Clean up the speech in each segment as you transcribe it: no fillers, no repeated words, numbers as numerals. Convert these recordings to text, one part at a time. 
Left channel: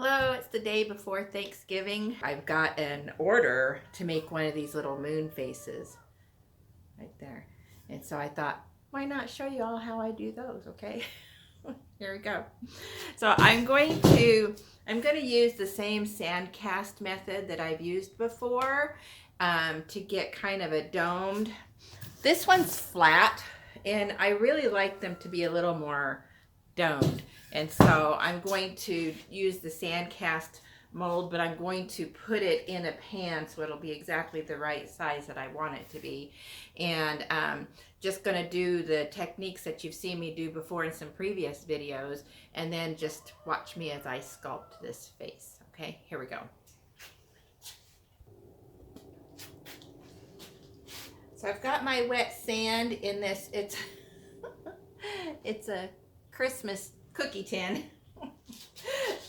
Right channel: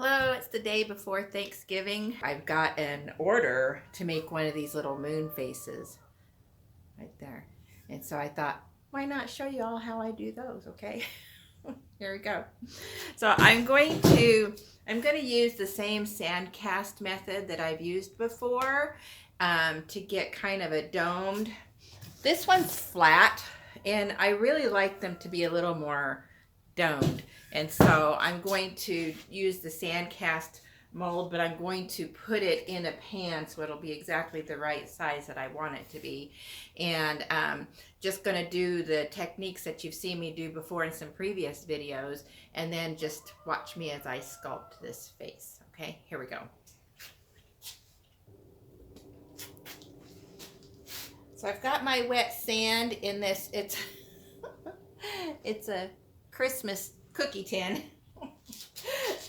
Hello, it's the day before Thanksgiving. I've got an order to make one of these little moon faces right there. And so I thought, why not show you all how I do those, okay? Here we go. So I'm going to use the same sand cast method that I've used before to get kind of a domed. This one's flat, and I really like them to be a little more domed. And so I'm going to use the sand cast mold, but I'm going to put it in a pan so it'll be exactly the right size that I want it to be. And just going to do the techniques that you've seen me do before in some previous videos, and then just watch me as I sculpt this face. Okay, here we go. So I've got my wet sand in this. It's a Christmas cookie tin.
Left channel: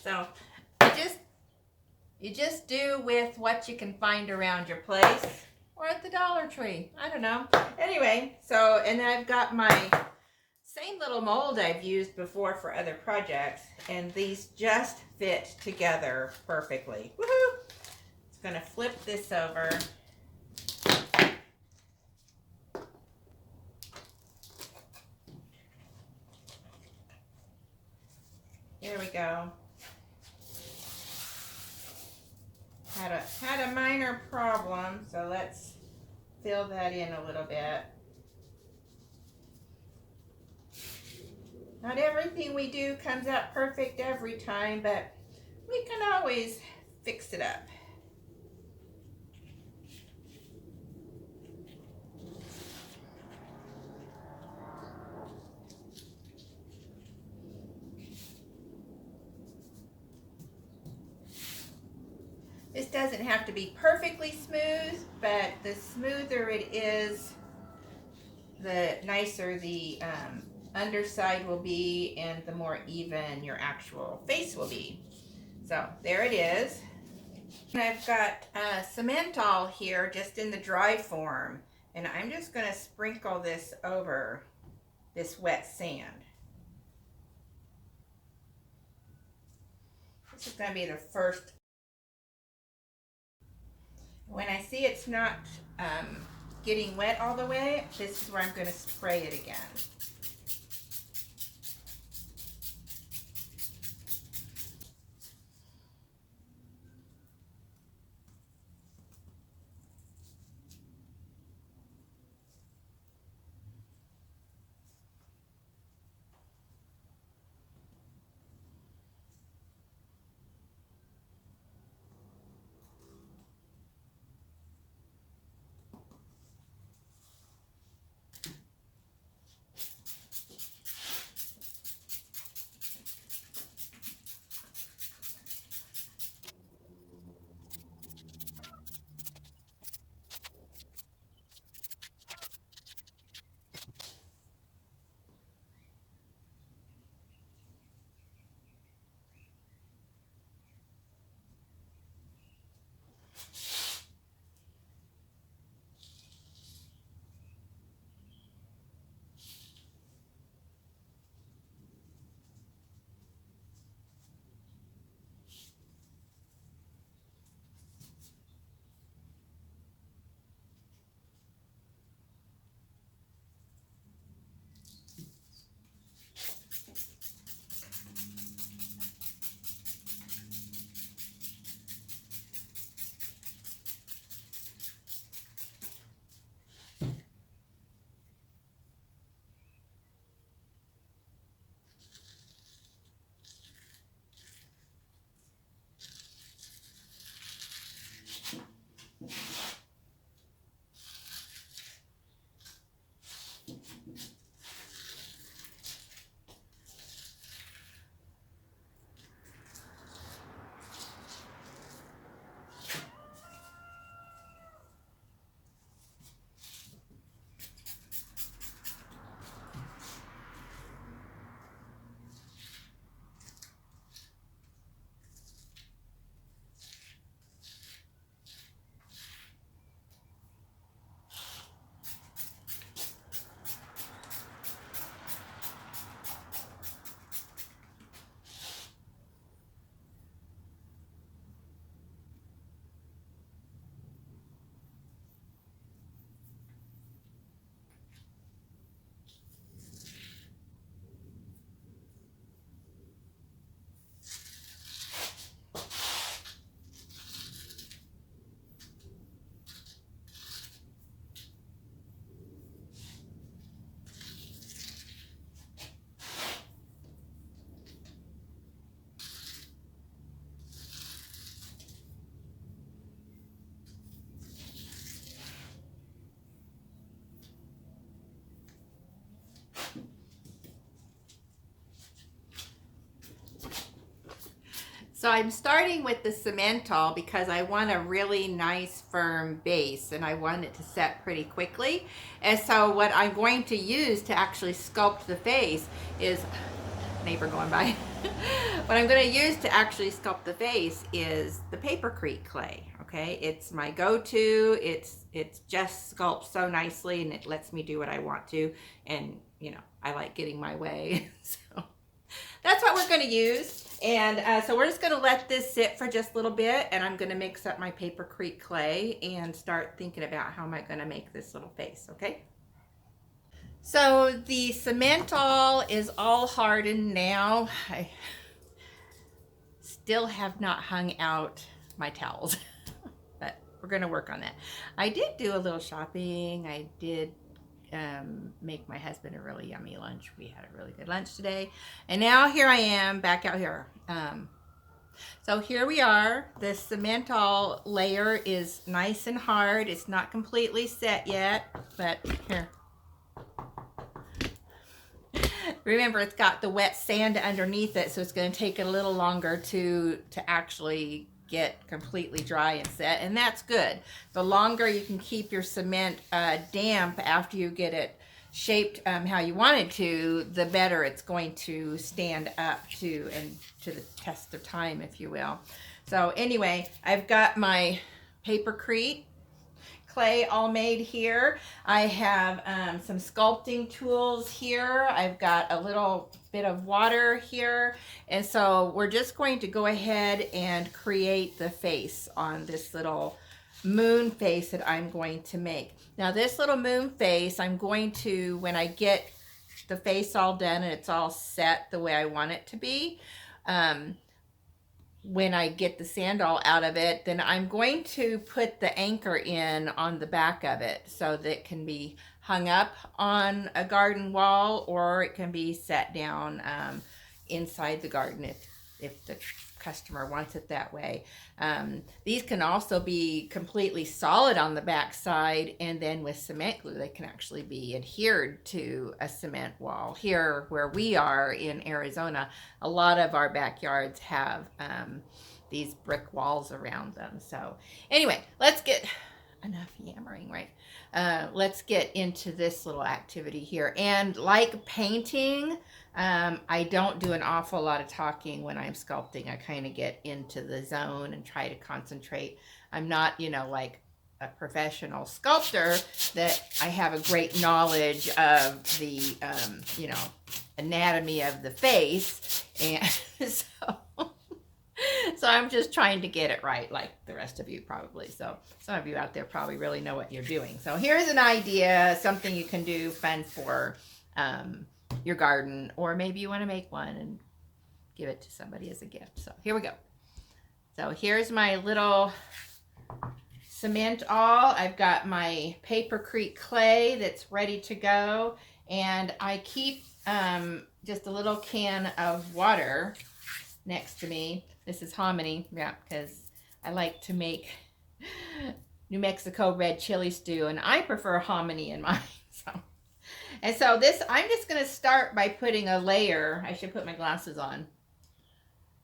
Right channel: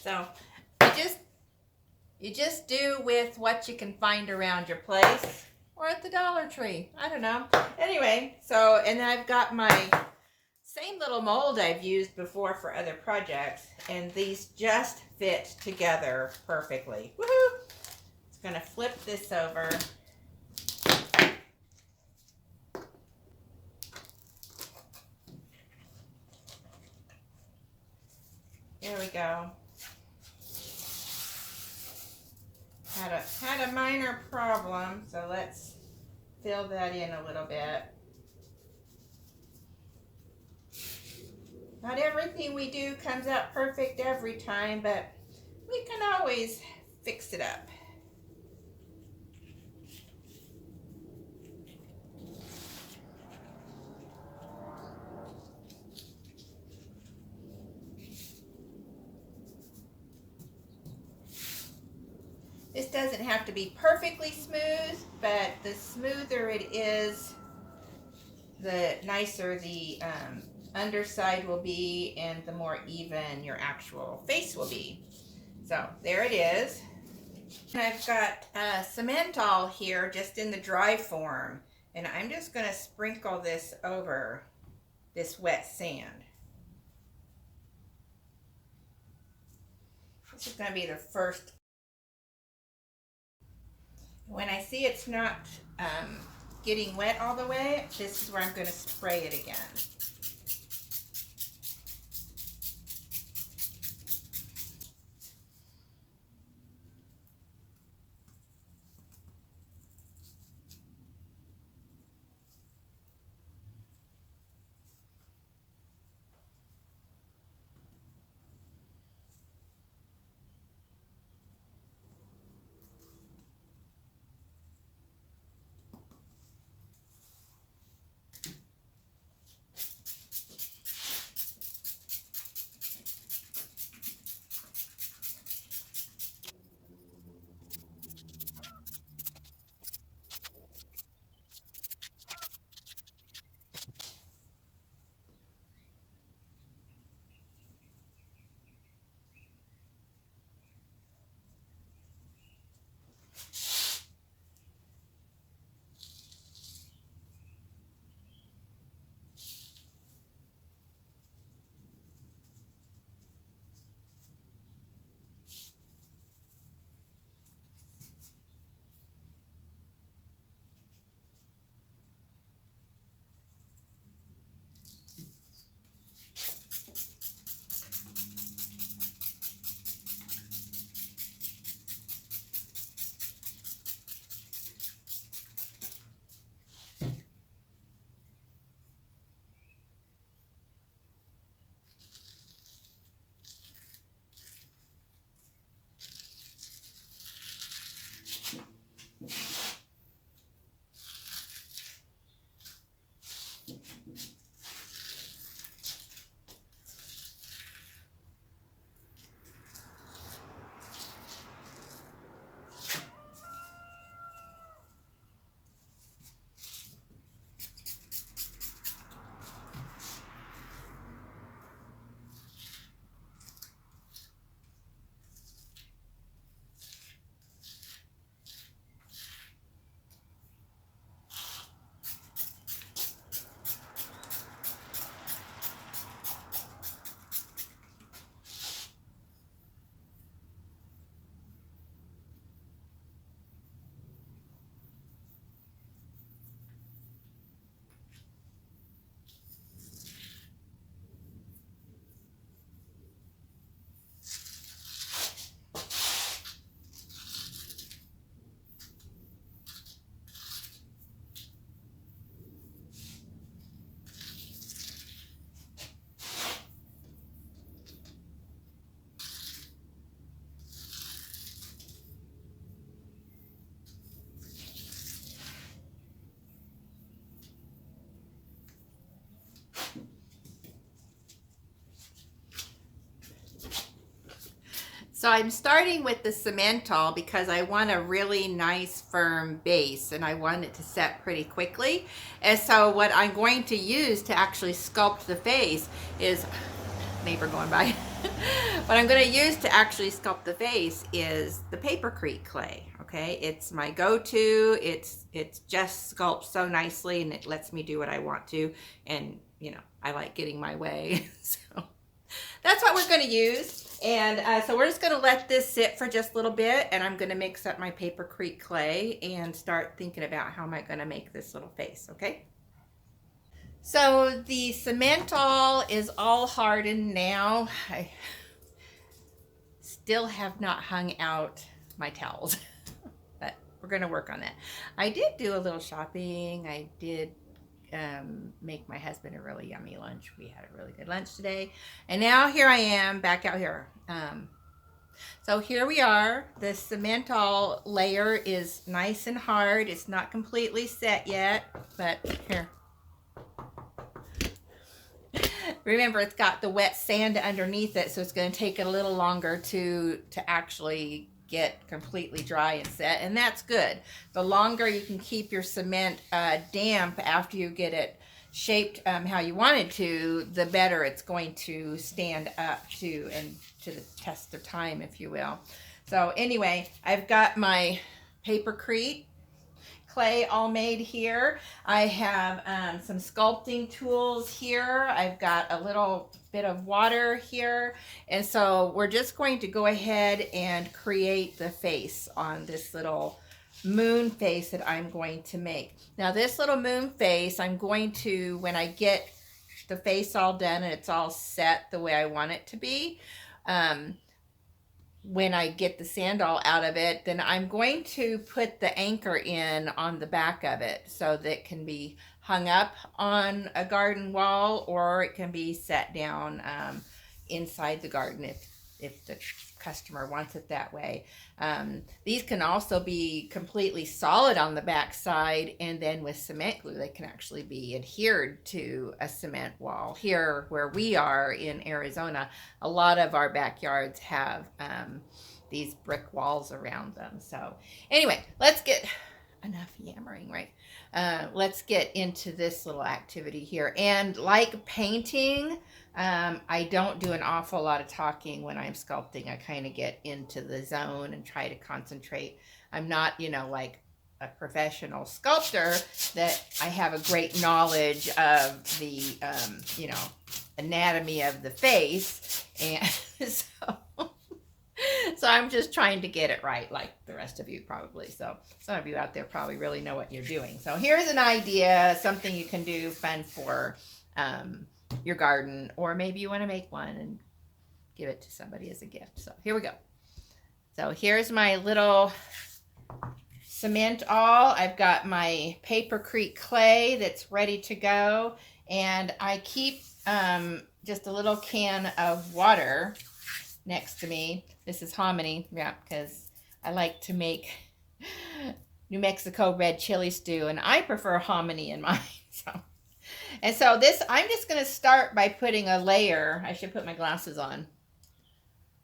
So you just do with what you can find around your place or at the Dollar Tree. I don't know. Anyway, so and I've got my same little mold I've used before for other projects, and these just fit together perfectly. Woohoo! It's gonna flip this over. There we go. Had a minor problem, so let's fill that in a little bit. Not everything we do comes out perfect every time, but we can always fix it up. This doesn't have to be perfectly smooth, but the smoother it is, the nicer the underside will be, and the more even your actual face will be. So there it is. And I've got Cemental here just in the dry form, and I'm just going to sprinkle this over this wet sand. This is going to be the first. When I see it's not getting wet all the way, this is where I'm going to spray it again. So I'm starting with the Cemental because I want a really nice firm base and I want it to set pretty quickly. And so what I'm going to use to actually sculpt the face is, neighbor going by. What I'm going to use to actually sculpt the face is the papercrete clay. Okay, it's my go-to. It's just sculpts so nicely and it lets me do what I want to. And you know, I like getting my way. So that's what we're going to use. And so we're just going to let this sit for just a little bit, and I'm going to mix up my papercrete clay and start thinking about how am I going to make this little face, okay? So the Cemental is all hardened now. I still have not hung out my towels, but we're going to work on that. I did do a little shopping. I did make my husband a really yummy lunch. We had a really good lunch today. And now here I am back out here. So here we are. The Cemental layer is nice and hard. It's not completely set yet, but here. Remember, it's got the wet sand underneath it, so it's going to take it a little longer to actually get completely dry and set, and that's good. The longer you can keep your cement damp after you get it shaped how you want it to, the better it's going to stand up to the test of time, if you will. So anyway, I've got my papercrete clay all made here. I have some sculpting tools here. I've got a little bit of water here. And so we're just going to go ahead and create the face on this little moon face that I'm going to make. Now this little moon face, I'm going to, when I get the face all done and it's all set the way I want it to be, when I get the sand all out of it, then I'm going to put the anchor in on the back of it so that it can be hung up on a garden wall, or it can be set down inside the garden if the customer wants it that way. These can also be completely solid on the back side, and then with cement glue they can actually be adhered to a cement wall. Here where we are in Arizona, a lot of our backyards have these brick walls around them. So anyway, let's get enough yammering, right? Let's get into this little activity here. And like painting, I don't do an awful lot of talking when I'm sculpting. I kind of get into the zone and try to concentrate. I'm not, you know, like a professional sculptor that I have a great knowledge of the, you know, anatomy of the face. And so I'm just trying to get it right, like the rest of you probably. So some of you out there probably really know what you're doing. So here's an idea, something you can do fun for your garden, or maybe you want to make one and give it to somebody as a gift. So here we go. So here's my little cement all. I've got my papercrete clay that's ready to go, and I keep just a little can of water next to me. This is hominy, yeah, because I like to make New Mexico red chili stew, and I prefer hominy in mine. And so this, I'm just going to start by putting a layer. I should put my glasses on.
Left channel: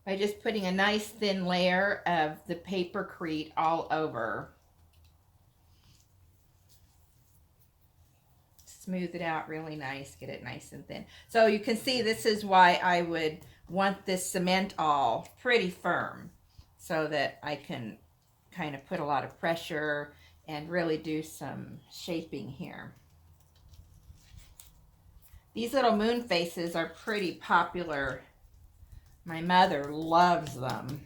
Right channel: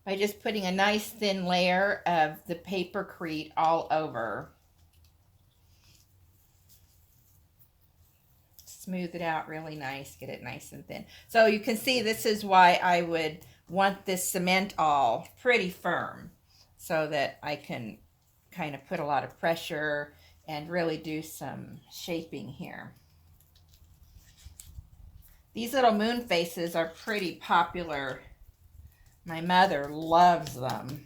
By just putting a nice thin layer of the papercrete all over. Smooth it out really nice, get it nice and thin. So you can see this is why I would want this cement all pretty firm, so that I can kind of put a lot of pressure and really do some shaping here. These little moon faces are pretty popular. My mother loves them.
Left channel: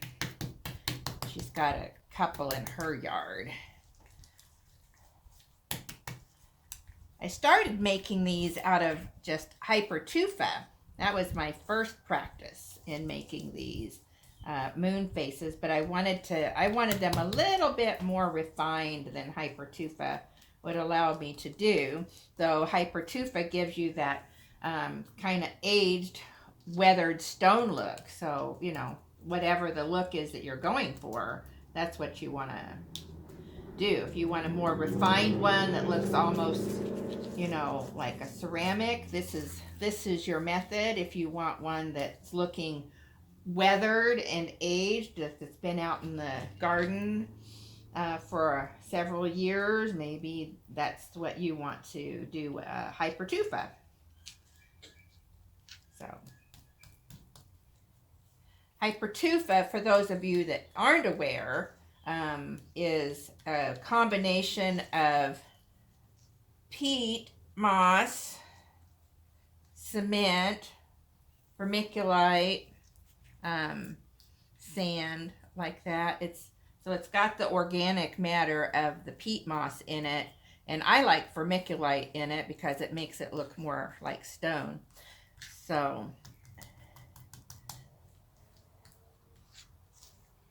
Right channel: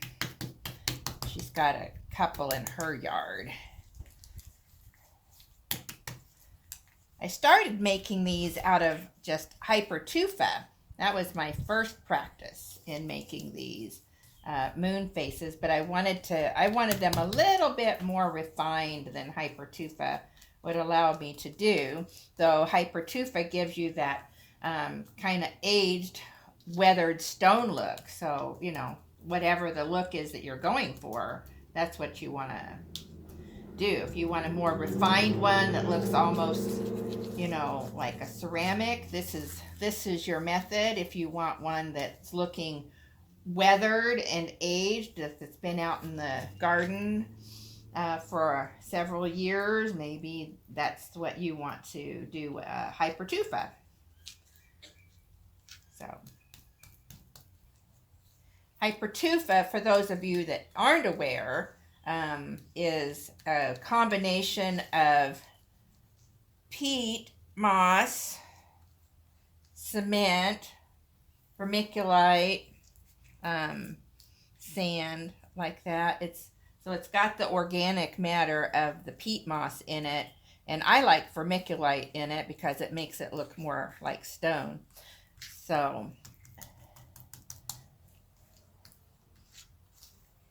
She's got a couple in her yard. I started making these out of just hypertufa. That was my first practice in making these moon faces, but I wanted them a little bit more refined than hypertufa would allow me to do. Though hypertufa gives you that kind of aged, weathered stone look. So, you know, whatever the look is that you're going for, that's what you want to do. If you want a more refined one that looks almost, you know, like a ceramic, this is your method. If you want one that's looking weathered and aged, if it's been out in the garden for several years, maybe that's what you want to do, hypertufa. So hypertufa, for those of you that aren't aware, is a combination of peat, moss, cement, vermiculite, sand, like that. So it's got the organic matter of the peat moss in it, and I like vermiculite in it because it makes it look more like stone. So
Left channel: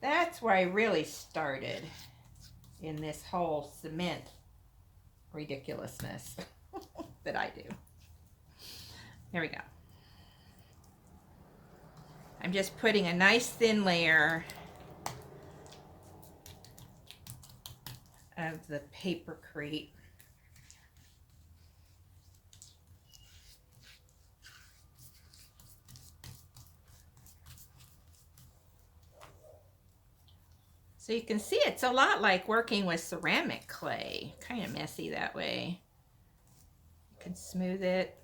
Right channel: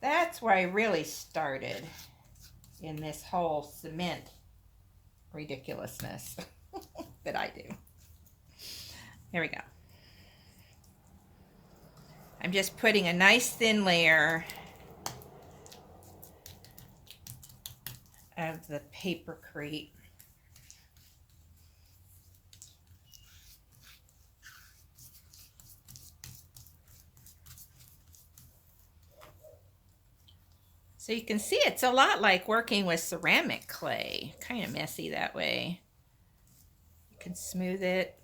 that's where I really started in this whole cement ridiculousness that I do. There we go. I'm just putting a nice thin layer of the papercrete. So you can see it's a lot like working with ceramic clay. Kind of messy that way. You can smooth it.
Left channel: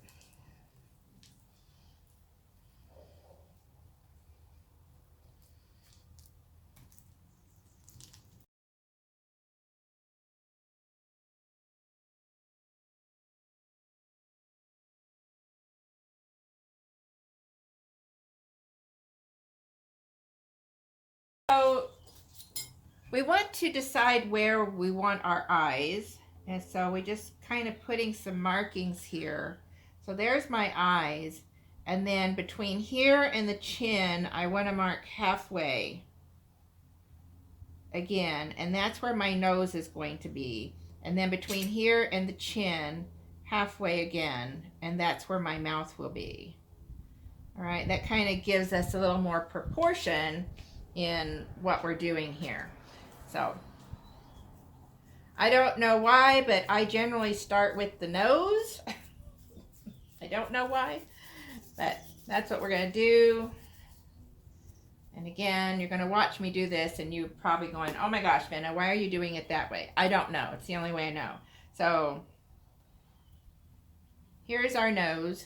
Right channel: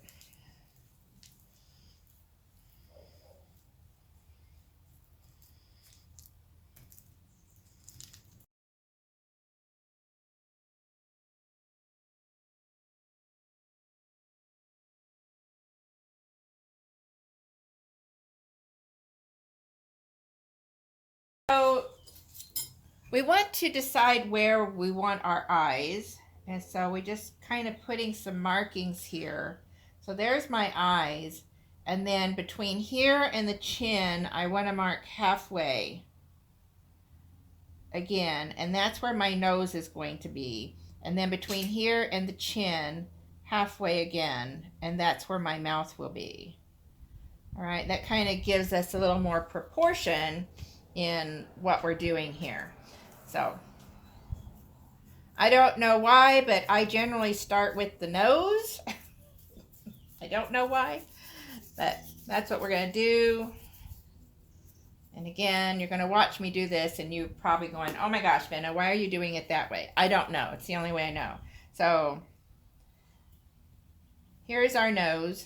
So we want to decide where we want our eyes, and so we just kind of putting some markings here. So there's my eyes, and then between here and the chin I want to mark halfway again, and that's where my nose is going to be, and then between here and the chin halfway again, and that's where my mouth will be. All right, that kind of gives us a little more proportion in what we're doing here. So I don't know why, but I generally start with the nose. I don't know why, but that's what we're going to do. And again, you're going to watch me do this and you're probably going, oh my gosh, Vanna, why are you doing it that way? I don't know. It's the only way I know. So here's our nose.